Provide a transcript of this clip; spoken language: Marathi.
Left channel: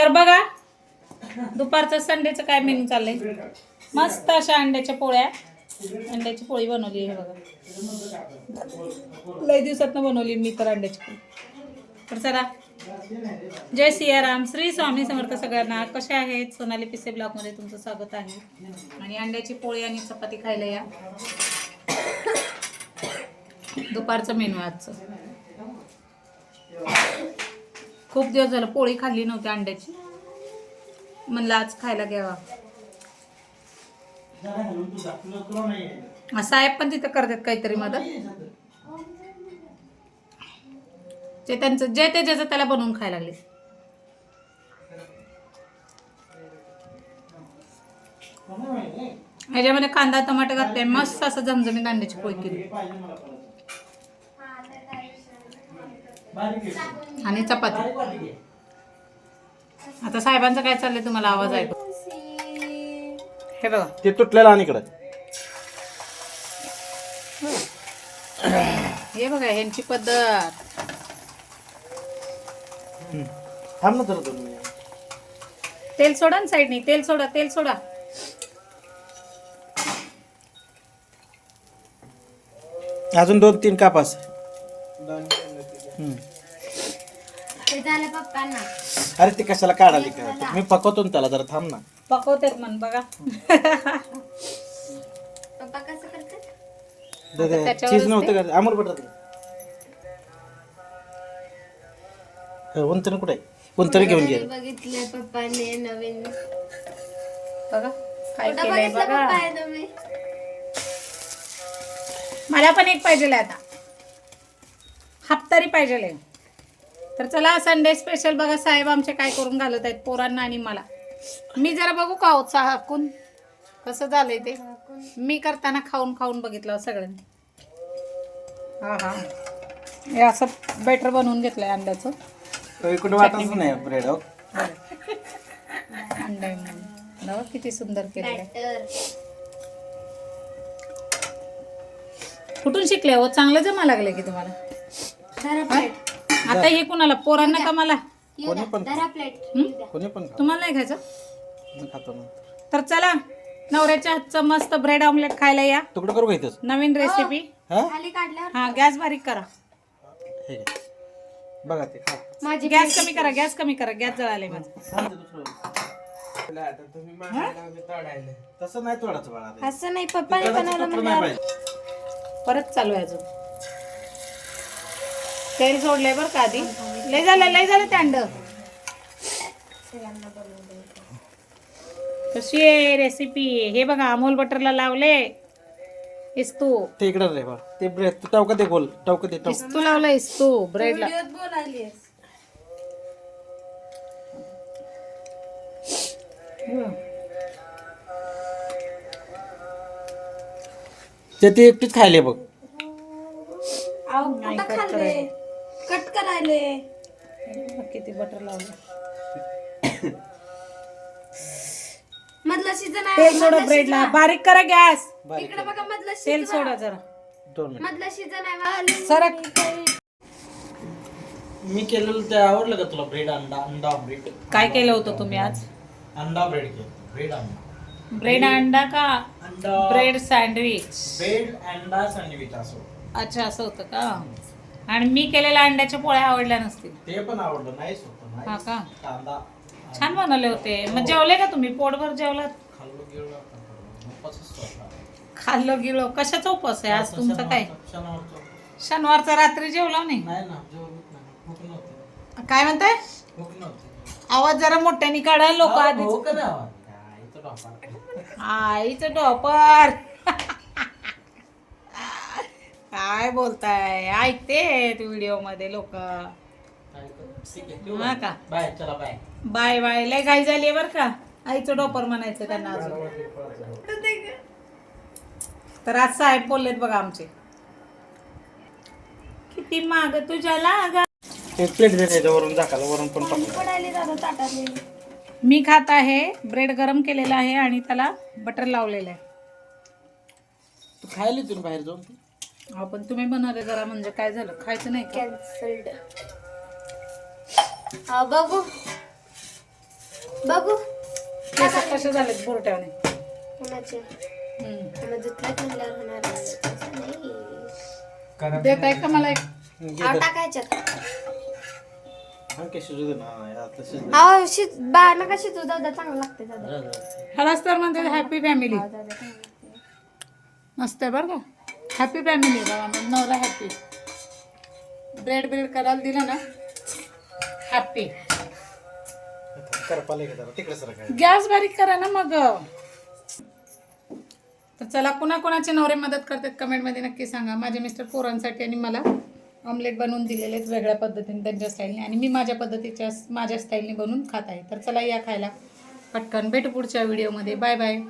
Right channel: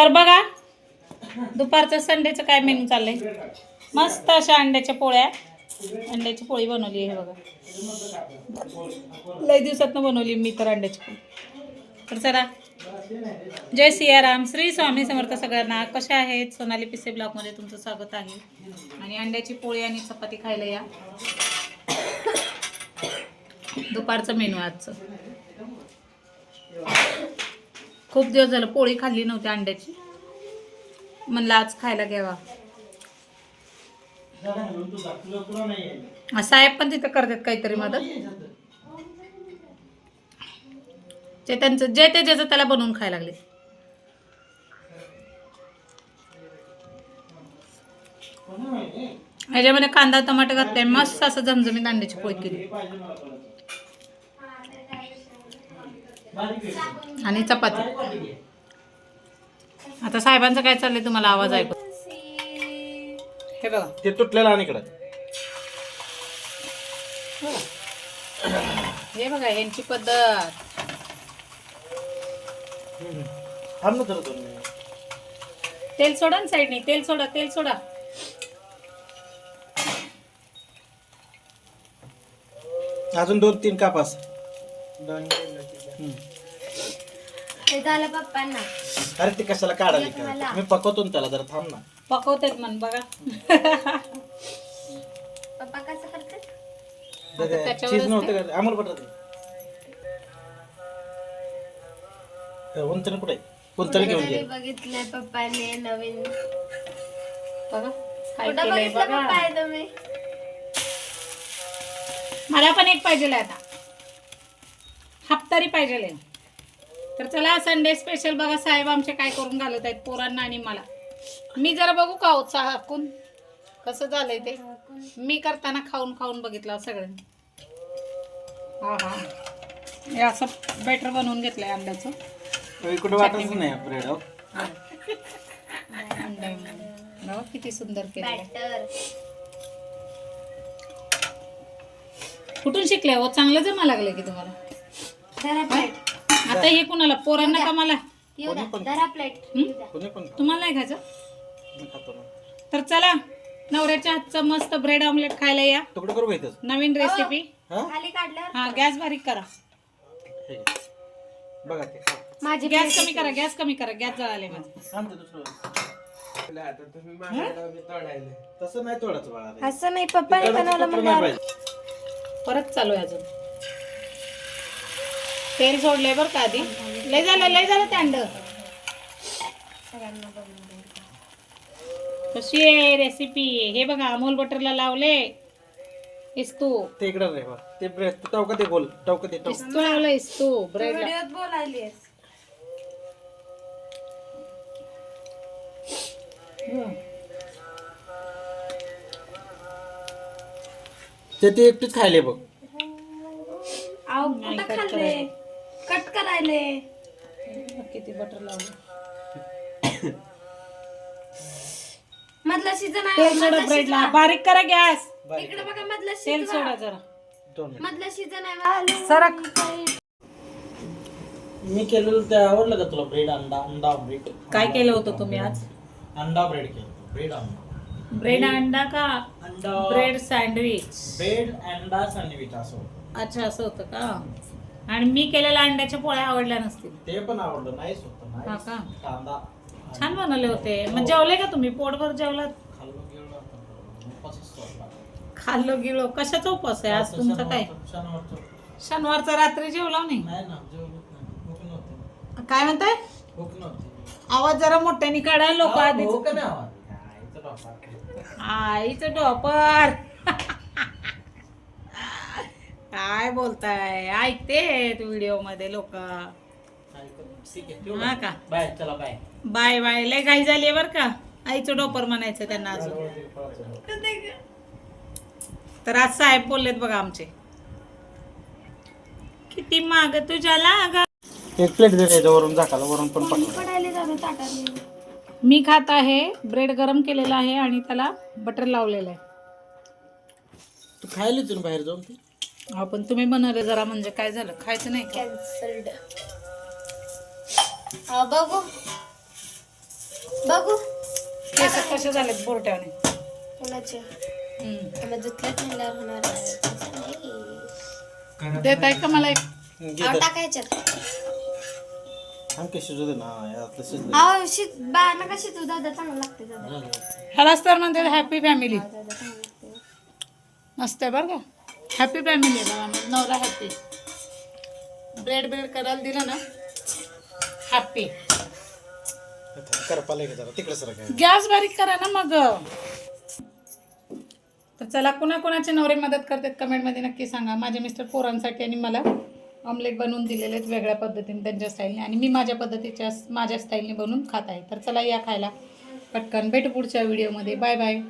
तर बघा दुपारचं संडेचं काय मेनू चाललंय. मस्त अशा अंड्याच्या पोळ्या, अंड्याची पोळी बनवली आहे बघा. लई दिवसातनं बनवली मी तर अंड्याची पोळी. तर चला, जय सियाराम, श्री स्वामी समर्थ सगळ्यांना. कशा आहेत? सोनाली पिसे ब्लॉगमध्ये तुमचं स्वागत आहे. आणि अंड्याची पोळी आणि चपाती खायला या. दुपारचं मेनू आजचं. खूप दिवस झालं पोळी खाल्ली नव्हती अंड्याची, म्हणलं आज खायला घ्यावा. साहेब पण तिथं करतात काहीतरी मदत. ते त्यांचं जे ते ज्याचं त्याला बनवून खायला लागले. ह्याच्यामध्ये कांदा टमाटर घातले, मस्त असं झमझमीत अंड्याची पोळी केली आणि चपाती. आता साहेबांचं काय चाललंय तुम्हाला आवाज ऐकू. हे बघा ते तुटलेलं आणि इकडं हे बघा यांची पद्धत. तेल सोडा ना साईडनी, तेल सोडा, तेल सोडा. अजून 2-3 कापास. अरे ते कशाला काढायला काय, मी पकवतो ना त्याला, जरा थांब ना. पकवतेत म्हण बघा. चीज नव्हतं का अमूल बटर. उंचन कुठे उंचन घेऊन घे. बघितलंय पप्पाने नवीन. बघा काय केलंय बघा. मला पण एक पाहिजे आता, हप्तारी पाहिजे. तर चला, संडे स्पेशल बघा. साहेब आमचे काय करून घालत आहेत पोरांना आणि मला. मी जरा बघू का उत्साह हाकून कसं झालंय ते. मी करताना खाऊन खाऊन बघितलं सगळ्यांनी. हा हा, हे असं बेटर बनवून घेतलंय अंड्याचं. इकडे वाटच नाही ब्रेड. अंडा किती सुंदर केलंय. कुठून शिकले हो? चांगलं जमा लागलंय की तुम्हाला. आता हे कुणाला, पोरांना का मला? तुम्हाला नाही खायचं? तर चला, नवऱ्याच्या हातचं मस्त ब्रेड ऑमलेट खायला या. तुकडं करू घेतच नवीन रेसिपी. हा, गॅस बारीक करा. बघा ते गॅस कमी करा, गॅस कमी करा, गॅस जळाले माझं. तसं नाही तोडायचं बाळा. असं नाही, पप्पाने बनवलं म्हणलं. परत चालू आहे अजून. तेल सोडलंय बरं का आधी. लय झालं ते अंड. कशी आहे रेसिपी हे बघा. अमूल बटरला लावले इस्तू. ते इकडे रे बा, ते ब्रेड टवका ते गोल टवका ते टवका. इस्तू लावला, इस्तू ब्रेडला. ते एकटीच खायले बघ. नाही, कट करायला. कट करायले. किती बटर लावलं. मधला सीझन आहे. तेल सोडा ब्रेडला, बारीक करा गॅस. इकडे बघा, मधला तेल सोडा जरा. 2 मिनिट. मधला सीझन आहे. सरक. मी केलेलं ते आवडलं का तुला? ब्रेड अंडा ब्रेड. काय केलं होतं तुम्ही आज? अंडा ब्रेड केलं. ब्रेड अंडा. ब्रेड अंडा का अंडा ब्रेड सँडविच? ब्रेड अंडा सँडविच असं. अच्छा, असं होतं का? आणि मी केलेल्या अंड्याच्या पोळ्या आवडल्या नसतील. ते पण आवडलं. नाहीच होतं. हा का? कांदा छान बनवले होते. मग जेवले का तुम्ही? पोटभर जेवलात? खाल्लो गेलो खाल्लं गिळो. कशाचा उपवास आहे आज तुमचं? काय शनिवारचा रात्री जेवला नाही? नाही ना, जेवलोच नाही. भूक नव्हती. काय म्हणताय? भूक नव्हती. आवाज जरा मोठ्याने काढा. लोक आधीच भूक नाही आवाज. आईचं डोपार. आईचं डोपर. काय बोलताय? ऐकते व्हिडिओ मध्ये लोक. ठीक आहे, हा का? बाय. चला बाय. Bye bye. लय घाई झाली बर का. आईचं डोपर म्हणायचं त्यांना अजून. तर आज साहेब बोललेत बघा आमचे, किती माग तुझ्या लागा. एक प्लेट दे वरून झाकाला, वरून पण पकडा. मी खात आहे. ब्रेड गरम केलेला आहे आणि त्याला बटर लावलेलं आहे. तू खायला तू बाहेर जाऊन. हो, पण तुम्ही बनवलं जरा, म्हणजे काय झालं? खायचं नाही का? कॅन्सल्ड. हा बघू. बघू केस कसे झालेत बोरट्याने. कोणाचे हम्म. त्याला धुतल्यात म्हणल्यावर होणार आहे. तसं नाही देत आहे का मला एक? आव टाकायच्यात आणखी शिजू दे ना यातलं शिजलं. आव बा नका शिजू दादा चांगलं लागते दादा ह्यालाच तर म्हणते हॅपी फॅमिली. दादा चांगलं लागते मस्त आहे बरं का. हॅपी फॅमिली बाबा माझा नवरा हॅपी. ब्रेड करायला दिलं ना हॅपी. करपाला का जरा तिकडे सर काय गॅस बारीक करा ना मग. तर चला कोणाकोणाचे नवरे मदत करतात कमेंटमध्ये नक्की सांगा. माझे मिस्टर पोरांसाठी आणि मला ऑमलेट बनवून दिलेले आहेत वेगळ्या पद्धतीने त्यांच्या स्टाईलने आणि मी माझ्या स्टाईलने बनवून खात आहे. तर चला या खायला पटकन. भेटू पुढच्या व्हिडिओमध्ये. Bye bye.